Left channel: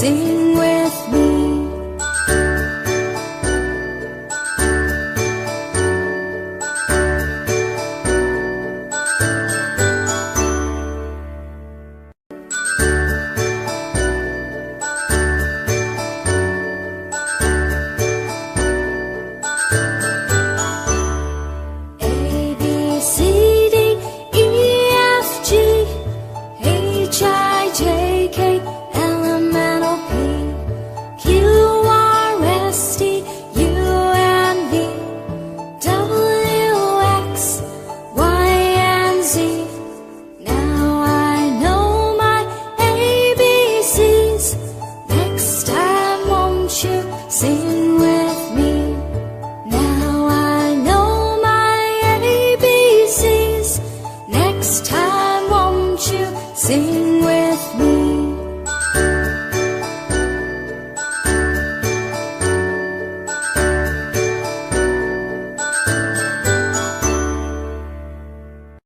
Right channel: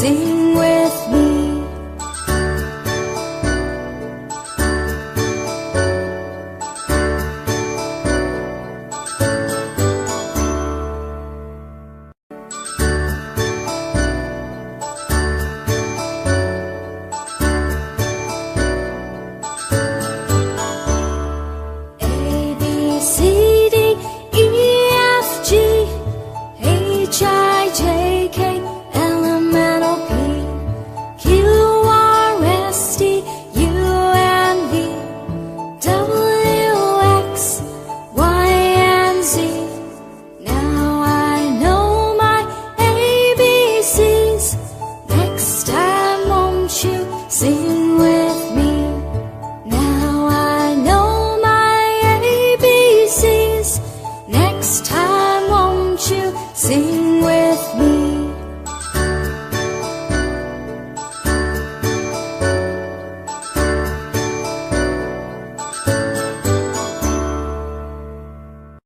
Sing with me. A, B, C, D, E, F, G, H, I, J, K, L, M, N, O, P, Q, R, S, T, U, and V, W, X, Y, and Z. Now I know my ABCs. Next time won't you sing with me? Now I know my ABCs. Next time won't you sing